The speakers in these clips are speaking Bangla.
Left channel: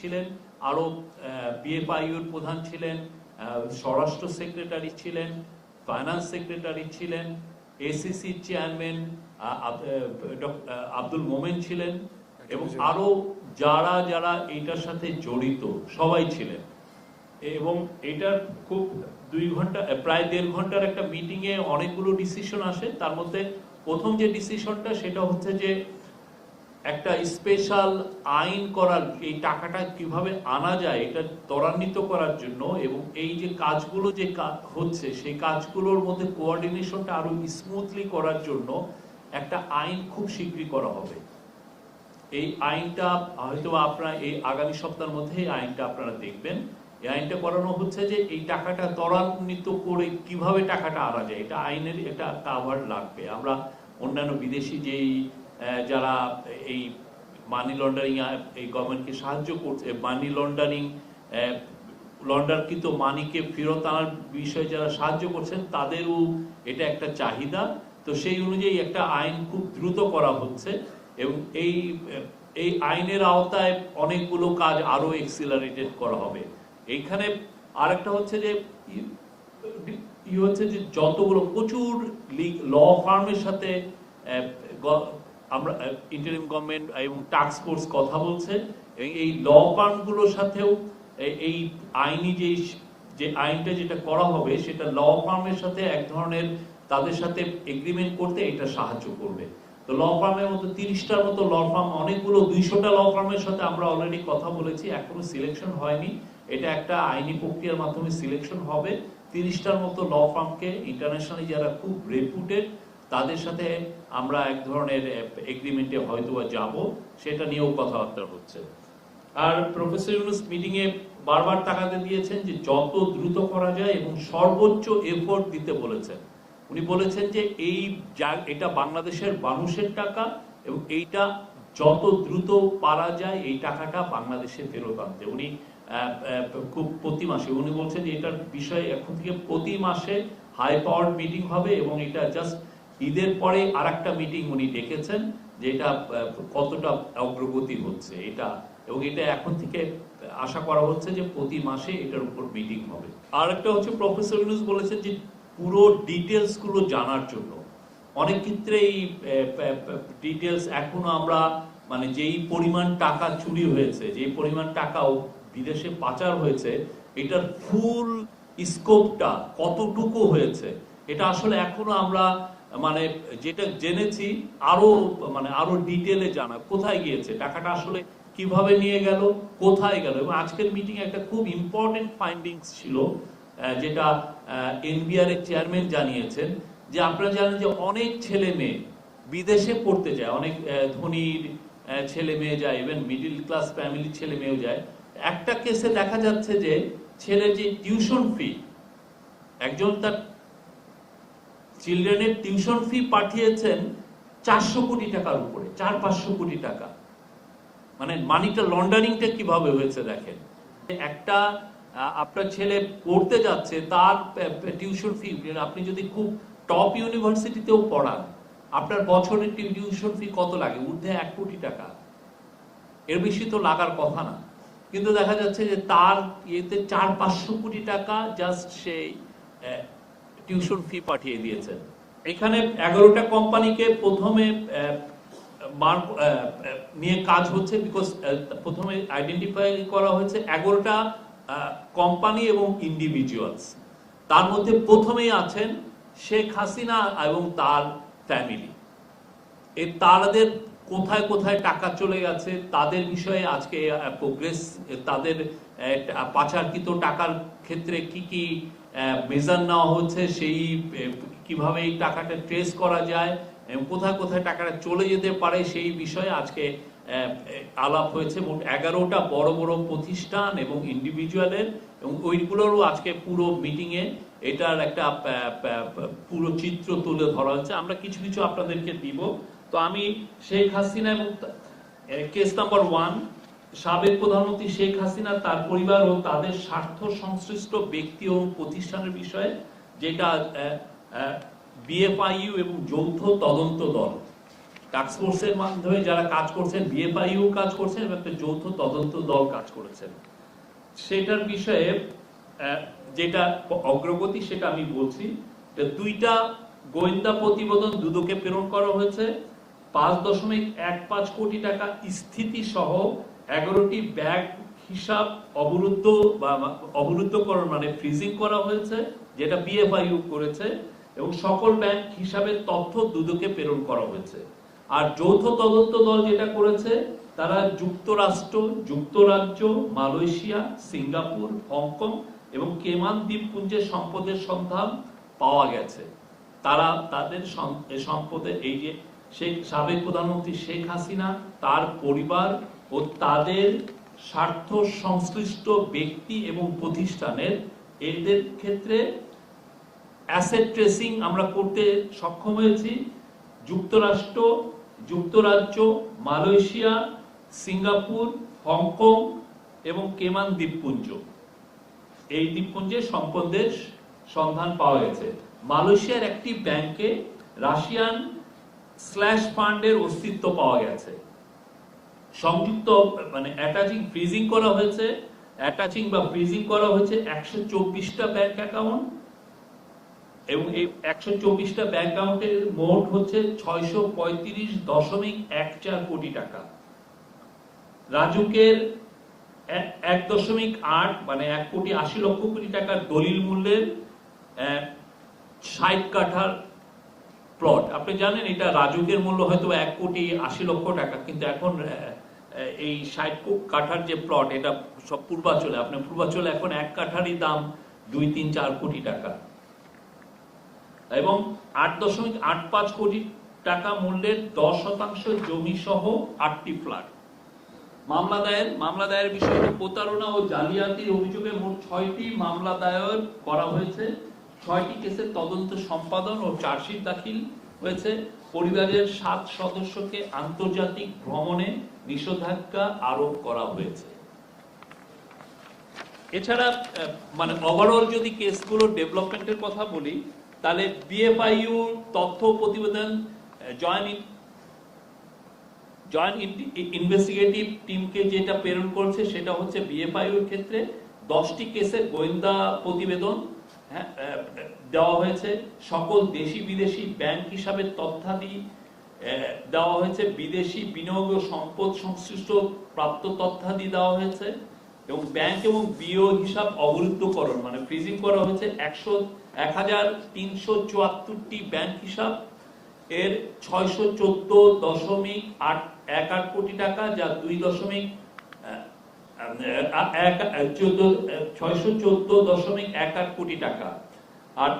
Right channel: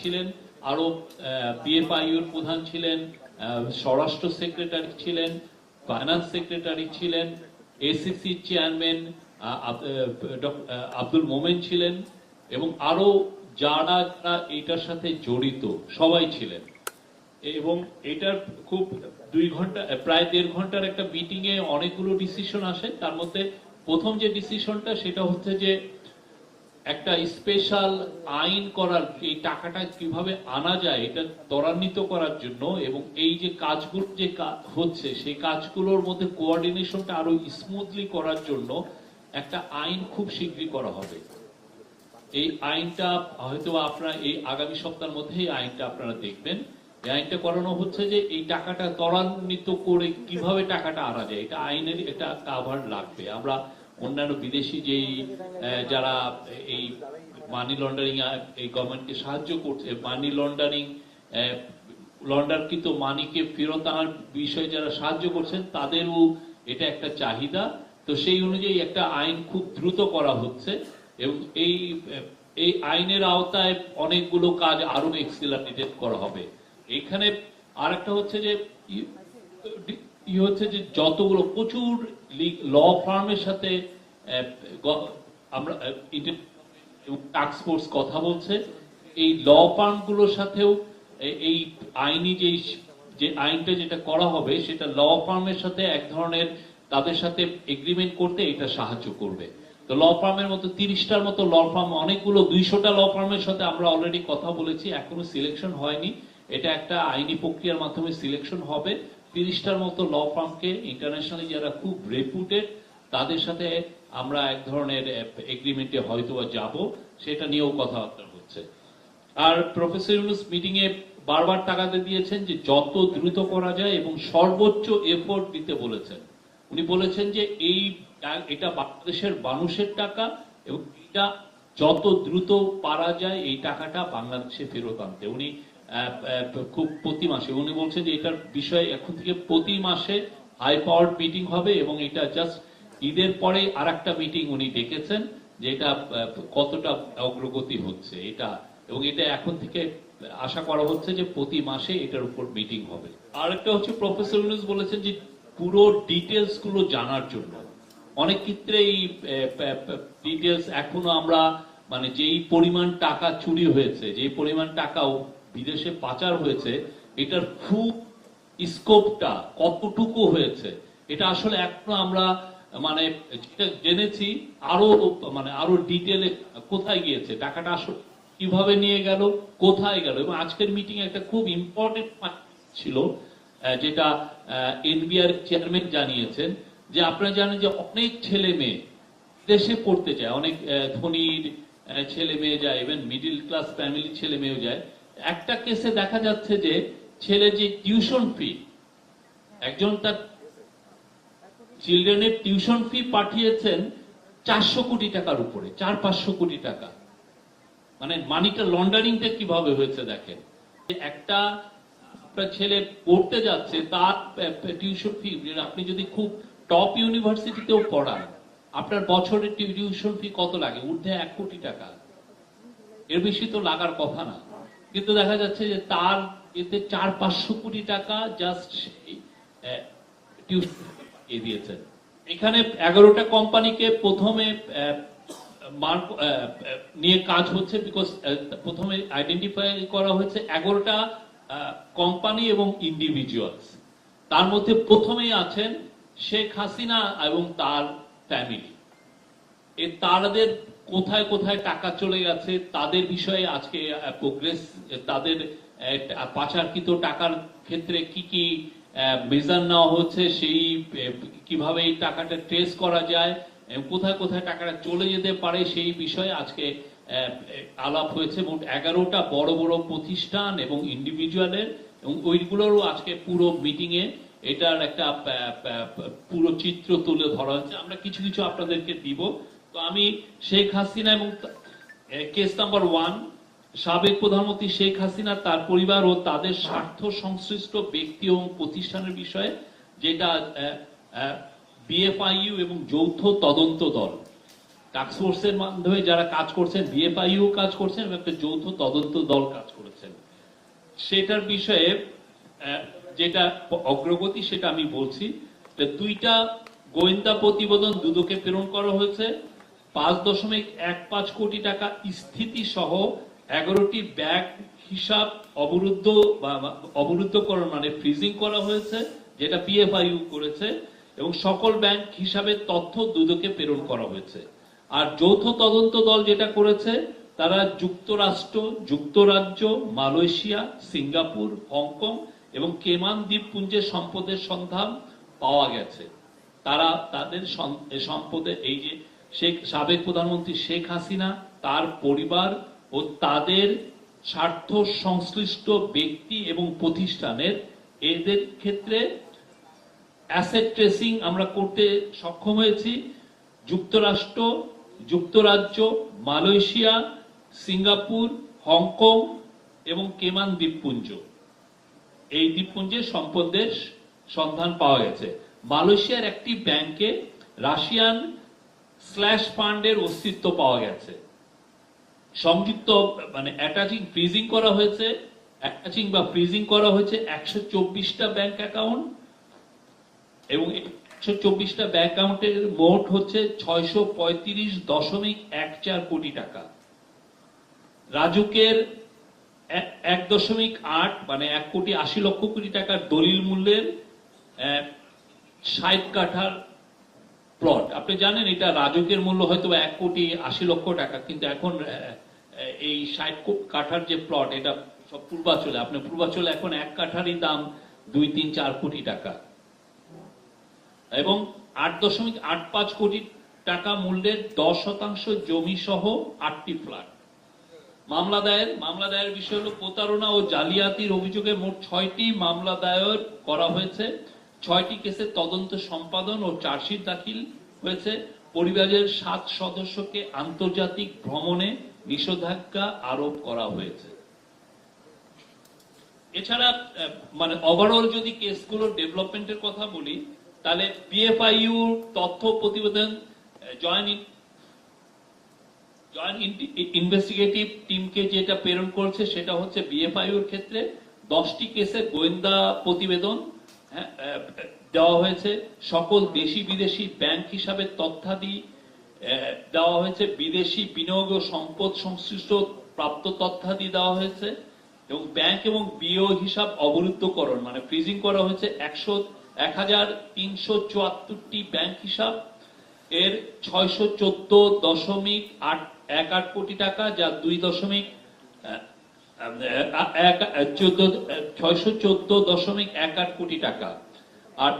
ছিলেন, আরো বিএফআইইউর প্রধান ছিলেন, স্বরাষ্ট্র সেক্রেটারি ছিলেন, ফাইন্যান্স সেক্রেটারি ছিলেন, এসিসি চেয়ারম্যান আব্দুল মোমেন ছিলেন এবং আরো যারা যারা এইটার সাথে জড়িত সবাই ছিলেন। এবং এটার খুব 2 ঘন্টা প্রায় 1.5 ঘন্টার একটা মিটিং এ অনেকগুলো ডিসিশন আসে। তার মধ্যে প্রথম যে ডিসিশনটা সেটা হচ্ছে যে একটা স্পেশাল আইন করার, এই টাকাটা কিভাবে আনা যায় এটা ত্বরান্বিত করার জন্য এবং এই যে কাজগুলো যে হচ্ছে সেই কাজগুলোর মধ্যে কোঅর্ডিনেশনটা আরো স্মুথলি করার জন্য একটা আইন খুব শীঘ্রই করা হবে। এই আইনটা হয়তো আপনারা এই আগামী সপ্তাহের মধ্যে এই আইনটা আপনারা দেখবেন। এই আইনটা করানো হচ্ছে যে এই টাকাটা ত্বরান্বিত করে কিভাবে টাকাটা আনা যায়, এটা আইনের এটা কাভার লাগবে। আমরা অন্যান্য বিদেশি যেই যারা এই মানি লন্ডারিং এই গভর্নমেন্টকে সাহায্য করছে, মানি লন্ডারিং লন্ডারকৃত মানিকে ফেরত আনার বিষয়ে যারা সাহায্য করছেন তাদেরও এটা একটা চাহিদা। তো সেই অনুযায়ী একটা আইন খুব দ্রুত করা হচ্ছে এবং এই আইনের আওতায় অনেকগুলো কাজ আরো এক্সিলারেটেড করা হবে। এইখানে আরেকটা হচ্ছে যে যতগুলো প্রচুর ল ফার্মের সাথে আমরা ইন্টারিম গভর্নমেন্ট এবং টাস্ক ফোর্স কথা বলছে। এই ল ফার্ম গুলোর সাথেও এই আইনি যে আইনটা যেটা করা হবে সেটা ল ফার্মের সাথে এক ধরনের তাদের সাথে এগ্রিমেন্ট করতে এটা সাহায্য করবে। তো ল ফার্মের মতো 30টার মতো ল ফার্ম, অনেকগুলো 200টা ল ফার্মের সাথে আমরা অলরেডি কথা বলেছি, এখনো সিলেকশন হয়নি। এটা একটা আইনি প্রক্রিয়ার মাধ্যমে সিলেকশন হবে। 30টার মতো ল ফার্মকে ইন্টারন্যাশনালি যারা খুব রেপুটেড তাদের সাথে আমরা এক ধরনের এগ্রিমেন্টে হয়তো যাব, সেটা নিয়েও কথাবার্তা হচ্ছে। আর প্রফেসর ইউনূস মিটিং এ বারবার তাগাদা দিয়েছেন যে যত দ্রুত করা যায় এবং সর্বোচ্চ এফোর্ট দিতে বলেছেন। উনি বলেছেন যে এটা বাংলাদেশের মানুষের টাকা এবং এইটা যত দ্রুত পারা যায় এই টাকাটা বাংলাদেশে ফেরত আনতে। উনি খুব প্রতি মাসে উনি বলছেন যে এটার বিষয়ে এখন থেকে প্রতি মাসে হাই পাওয়ার মিটিং হবে এবং এটা জাস্ট ঈদের পরে আরেকটা মিটিং উনি ডেকেছেন যে এটা কতটা অগ্রগতি হচ্ছে এটা, এবং এটা এখন থেকে আশা করা হচ্ছে যে প্রতি মাসে এটার উপর মিটিং হবে। আর একটা হচ্ছে প্রফেসর ইউনূস বলেছেন যে পুরো ডিটেলস গুলো জানার জন্য। অনেক ক্ষেত্রে এই ডিটেলস এখনো আমরা মানে যেই পরিমাণ টাকা চুরি হয়েছে, যেই পরিমাণ টাকাও বিদেশে পাচার হয়েছে, এটার ফুল স্কোপটা কতটুকু হয়েছে এটা আসলে এখনো আমরা মানে যেটা জেনেছি আরো ডিটেলে জানা, কোথায় গিয়েছে টাকাটা, আসলে কিভাবে নিয়ে গেল, কোথায় গেল। এবং আজকের মিটিং একটা খুব ইম্পর্টেন্ট ফাইন্ডিংস ছিল যেটা এনবিআর এর চেয়ারম্যান জানিয়েছেন যে আপনারা জানেন যে অনেক ছেলে মেয়ে বিদেশে পড়তে যায়, অনেক ধনীর ছেলে মেয়ে যায়, ইভেন মিডিল ক্লাস ফ্যামিলির ছেলে মেয়েও যায়। একটা কেসে দেখা যাচ্ছে যে ছেলে যে টিউশন ফি, একজন তার চিলড্রেনের টিউশন ফি পাঠিয়েছেন 400 কোটি টাকার উপরে, 400-500 কোটি টাকা। মানে মানিটা লন্ডারিংটা কিভাবে হয়েছে দেখেন। একটা আপনার ছেলে পড়তে যাচ্ছে, তার টিউশন ফি, আপনি যদি খুব টপ ইউনিভার্সিটিতেও পড়ান আপনার বছরের টিউশন ফি কত লাগে, ঊর্ধ্বে 1 কোটি টাকা, এর বেশি তো লাগার কথা না। কিন্তু দেখা যাচ্ছে যে তার ইয়েতে 400-500 কোটি টাকা জাস্ট সেই টিউশন ফি পাঠিয়ে দিয়েছেন। এখানে 11টা কোম্পানিকে প্রথমে নিয়ে কাজ হচ্ছে, বিকজ প্রথমে আইডেন্টিফাই করা হয়েছে 11টা কোম্পানি এবং ইন্ডিভিজুয়ালস। তার মধ্যে প্রথমেই আছেন শেখ হাসিনা এবং তার ফ্যামিলি। তাদের কোথায় কোথায় টাকা চলে গেছে তাদের বিষয়ে আজকে প্রোগ্রেস, তাদের পাচারকৃত টাকার ক্ষেত্রে কি কি মেজার নেওয়া হচ্ছে, সেই কিভাবে এই টাকাটা ট্রেস করা যায়, কোথায় কোথায় টাকাটা চলে যেতে পারে সেই বিষয়ে আজকে আলাপ হয়েছে। মোট 11টা বড় বড় প্রতিষ্ঠান এবং ইন্ডিভিজুয়ালের, এবং ওইগুলোরও আজকে পুরো মিটিং এ এটার একটা পুরো চিত্র তুলে ধরা হয়েছে। আমরা কিছু কিছু আপনাদেরকে দিব। তো আমি শেখ হাসিনা এবং কেস নাম্বার 1, সাবেক প্রধানমন্ত্রী শেখ হাসিনা, তার পরিবার ও তাদের স্বার্থ সংশ্লিষ্ট ব্যক্তি এবং প্রতিষ্ঠানের বিষয়ে, যেটা বিএফআইইউ এবং যৌথ তদন্ত দল টাস্কফোর্সের মাধ্যমে যারা কাজ করছেন, বিএফআইইউ কাজ করছেন এবং একটা যৌথ তদন্ত দল কাজ করেছেন। সেটার বিষয়ে যেটা অগ্রগতি সেটা আমি বলছি। দুইটা গোয়েন্দা প্রতিবেদন দুদকে প্রেরণ করা হয়েছে। 5.15 কোটি টাকা স্থিতি সহ 11টি ব্যাংক হিসাব অবরুদ্ধকরণ মানে ফ্রিজিং করা হয়েছে, যেটা বিএফআইইউ করেছে, এবং সকল ব্যাংক হিসাবের তথ্য দুদকে প্রেরণ করা হয়েছে। আর যৌথ তদন্ত দল যেটা করেছে, তারা যুক্তরাষ্ট্র, যুক্তরাজ্য, মালয়েশিয়া, সিঙ্গাপুর, হংকং এবং কেমান দ্বীপপুঞ্জের সম্পদের সন্ধান পাওয়া গেছে। তারা তাদের সম্পদে এই যে সাবেক প্রধানমন্ত্রী শেখ হাসিনা, তার পরিবার ও তাদের স্বার্থ সংশ্লিষ্ট ব্যক্তি এবং প্রতিষ্ঠানের এদের ক্ষেত্রে অ্যাসেট ট্রেসিং আমরা করতে সক্ষম হয়েছি। যুক্তরাষ্ট্র, যুক্তরাজ্য, মালয়েশিয়া, সিঙ্গাপুর, হংকং এবং কেমান দ্বীপপুঞ্জ, এই দ্বীপপুঞ্জের সম্পদের সন্ধান পাওয়া গেছে। মালয়েশিয়ার একটি ব্যাংকে রাশিয়ান স্ল্যাশ ফান্ডের অস্তিত্ব পাওয়া গেছে। সংযুক্ত মানে অ্যাটাচিং ফ্রিজিং করা হয়েছে, 124টা ব্যাংক অ্যাকাউন্ট, এবং এই 124টা ব্যাংক অ্যাকাউন্টের মোট হচ্ছে 635.14 কোটি টাকা। রাজুকের 1.8 মানে 1.80 কোটি টাকার দলিল মূল্যের 60 কাঠার প্লট। আপনি জানেন এটা রাজুকের মূল্য হয়তো 1.80 টাকা, কিন্তু এখন এই 60 কাঠার যে প্লট, এটা সব পূর্বাচলে, আপনার পূর্বাচলে এখন 1 কাঠারই দাম 2-3-4 কোটি টাকা, এবং 8.85 কোটি টাকা মূল্যের 10% জমি সহ 8টি ফ্ল্যাট। মামলা দায়ের বিষয় হল প্রতারণা ও জালিয়াতির অভিযোগে মোট 6টি মামলা দায়ের করা হয়েছে। 6টি কেসের তদন্ত সম্পাদন ও চার্জশিট দাখিল হয়েছে। পরিবারের 7 সদস্যকে আন্তর্জাতিক ভ্রমণে নিষেধাজ্ঞা আরোপ করা হয়েছে। এছাড়া মানে ওভারঅল যদি কেসগুলোর ডেভেলপমেন্টের কথা বলি, তাহলে বিএফআইইউ তথ্য প্রতিবেদন জয়েন্ট ইনভেস্টিগেটিভ টিমকে যেটা প্রেরণ করেছে, সেটা হচ্ছে বিএফআইইউর ক্ষেত্রে 10টি কেসে গোয়েন্দা প্রতিবেদন দেওয়া হয়েছে। সকল দেশি বিদেশি ব্যাংক হিসাবে তথ্যাদি দেওয়া হয়েছে। বিদেশি বিনিয়োগ ও সম্পদ সংশ্লিষ্ট প্রাপ্ত তথ্যাদি দেওয়া হয়েছে, এবং ব্যাংক এবং বিও হিসাব অবরুদ্ধকরণ মানে ফ্রিজিং করা হয়েছে 1374টি ব্যাংক হিসাব এর 614.18 কোটি টাকা, যা 614.18 কোটি টাকা। আর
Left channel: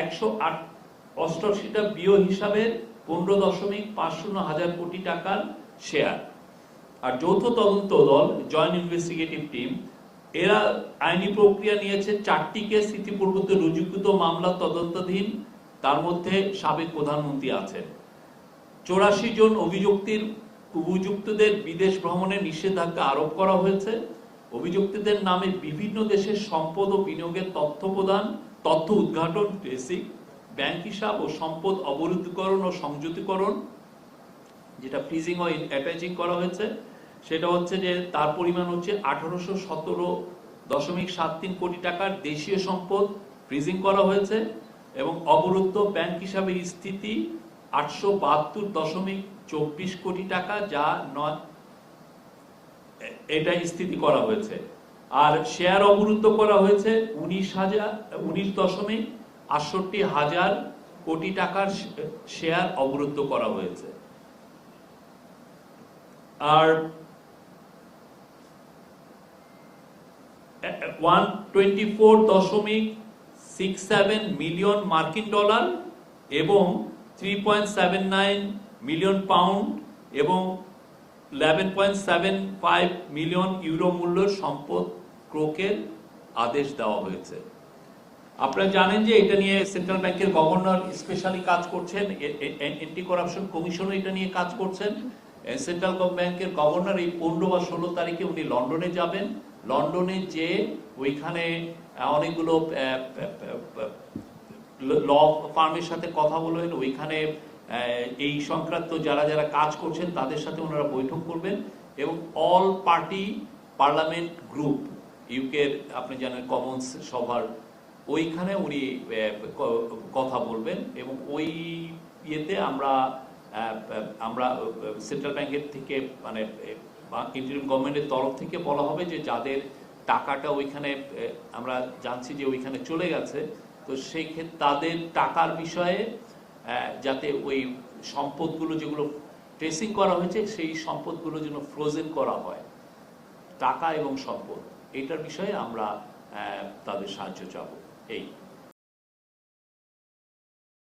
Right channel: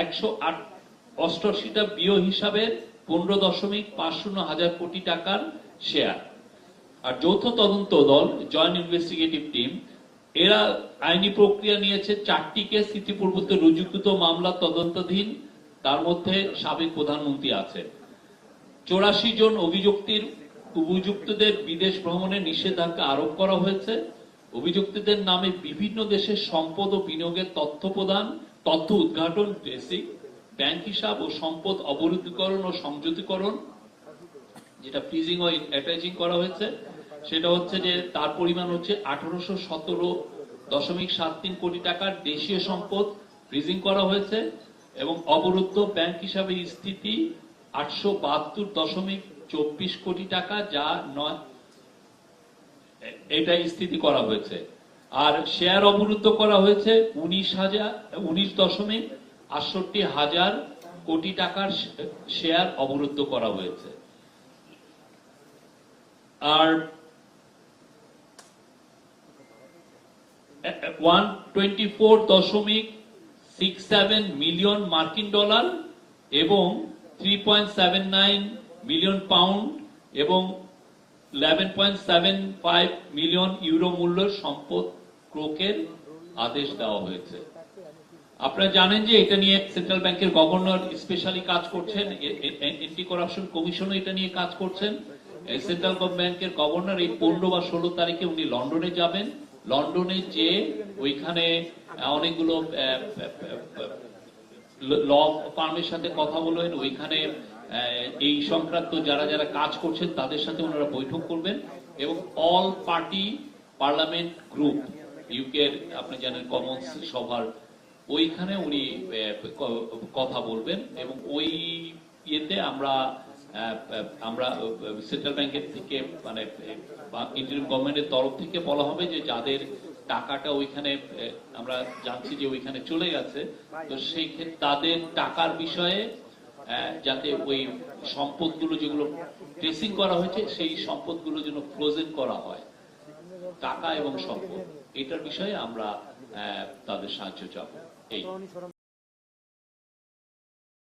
188টা বিও হিসাবের 15.50 কোটি টাকার শেয়ার। আর যৌথ তদন্ত দল জয়েন্ট ইনভেস্টিগেটিভ টিম এরা আইনি প্রক্রিয়া নিয়েছে। 4টি কেস ইতিপূর্বে রুজুকৃত মামলা তদন্তাধীন, তার মধ্যে সাবেক প্রধানমন্ত্রী আছেন। 84 জন অভিযুক্তদের বিদেশ ভ্রমণে নিষেধাজ্ঞা আরোপ করা হয়েছে। অভিযুক্তদের নামে বিভিন্ন দেশের সম্পদ ও বিনিয়োগের তথ্য প্রদান, তথ্য উদ্ঘাটন, বেসিক ব্যাংক হিসাব ও সম্পদ অবরুদ্ধকরণ ও সংযুতিকরণ, যেটা ফ্রিজিং ও অ্যাটাচিং করা হয়েছে, সেটা হচ্ছে যে তার পরিমাণ হচ্ছে 1817.73 কোটি টাকার দেশীয় সম্পদ ফ্রিজিং করা হয়েছে, এবং অবরুদ্ধ ব্যাংক হিসাবে স্থিতি 872.24 কোটি টাকা, যা এটা স্থিতি করা হয়েছে। আর শেয়ার অবরুদ্ধ করা হয়েছে 19.68 কোটি টাকার শেয়ার অবরুদ্ধ করা হয়েছে। আর 124.67 মিলিয়ন মার্কিন ডলার এবং 3.79 মিলিয়ন পাউন্ড এবং 11.75 মিলিয়ন ইউরো মূল্যের সম্পদ ক্রয়ের আদেশ দেওয়া হয়েছে। আপনারা জানেন যে এটা নিয়ে সেন্ট্রাল ব্যাংকের গভর্নর স্পেশালি কাজ করছেন, এন্টি করাপশন কমিশনও এটা নিয়ে কাজ করছেন। সেন্ট্রাল ব্যাংকের গভর্নর এই 15 বা 16 তারিখে উনি লন্ডনে যাবেন। লন্ডনে যে ওইখানে অনেকগুলো ল ফার্মের সাথে কথা বলবেন, ওইখানে এই সংক্রান্ত যারা যারা কাজ করছেন তাদের সাথে ওনারা বৈঠক করবেন এবং অল পার্টি পার্লামেন্ট গ্রুপ ইউকের আপনি জানেন কমন্স সভার ওইখানে উনি কথা বলবেন এবং ওই ইয়েতে আমরা সেন্ট্রাল ব্যাংকের থেকে মানে ইন্টারিম গভর্নমেন্টের তরফ থেকে বলা হবে যে যাদের টাকাটা ওইখানে আমরা জানছি যে ওইখানে চলে গেছে, তো সেই ক্ষেত্রে তাদের টাকার বিষয়ে যাতে ওই সম্পদগুলো যেগুলো ট্রেসিং করা হয়েছে সেই সম্পদগুলো যেন ফ্রোজেন করা হয়, টাকা এবং সম্পদ, এটার বিষয়ে আমরা তাদের সাহায্য চাবো। এই